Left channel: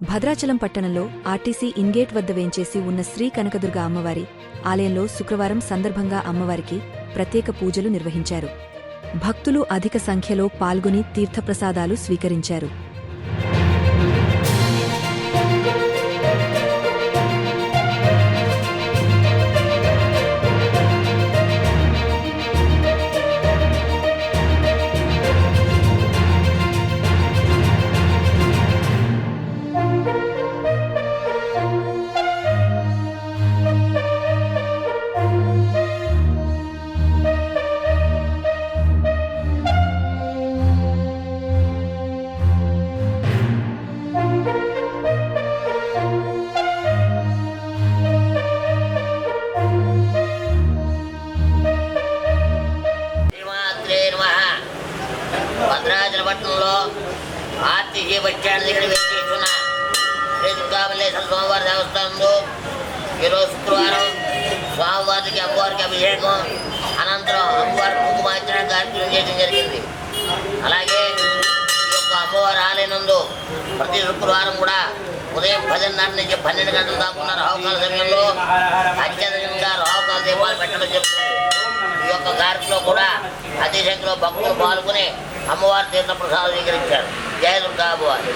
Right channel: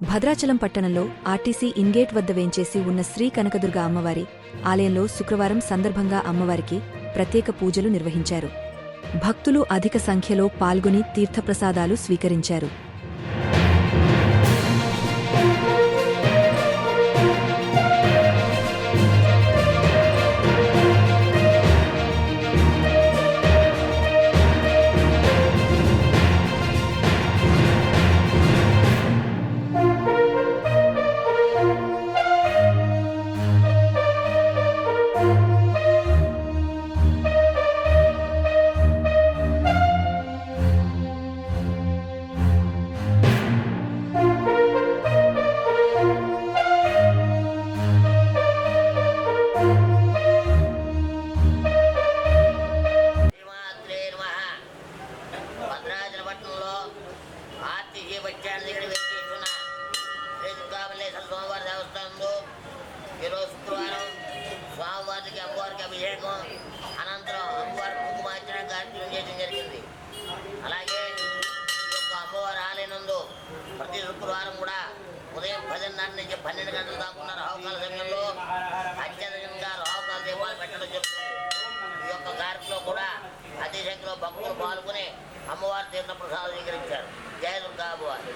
భద్రాచలం పట్టణంలో RTC ingate వద్ద వేంచేసి ఉన్న శ్రీ కనకదుర్గ అమ్మవారి ఆలయంలో శుక్రవారం సందర్భంగా అమ్మవారికి ప్రత్యేక పూజలు నిర్వహించారు. భక్తులు అధిక సంఖ్యలో పాల్గొని తీర్థప్రసాదాలు స్వీకరించారు. భద్రాచల పట్టణంలో ఆర్టీసీ బస్టాండ్ దగ్గర వేచేస్తున్న శ్రీ దుర్గామల్లేశ్వర స్వామివారి దేవస్థానంలో ఈరోజు శుక్రవారం స్వామివారికి అమ్మవారికి అభిషేకం అనంతరం అమ్మవారి కుంకుమార్చన కార్యక్రమం చేయడం జరిగింది. అలాగే ఈ యొక్క అమ్మవారి ఆలయనందు ప్రతి శుక్రవారం కూడా ఉదయం 10:30 నుంచి 12 గంటల దాకా ఉన్న రాహుకాల సమయంలో అత్యధికంగా రాహుకాల దీపాలు పెట్టడం జరుగుతుంది. ఈ యొక్క కార్యక్రమంలో కూడా అతి సంఖ్యలో భక్తులు పాల్గొని అమ్మవారి తీర్థ ప్రసాదం స్వీకరించారు. జయ దుర్గా అమ్మవారి.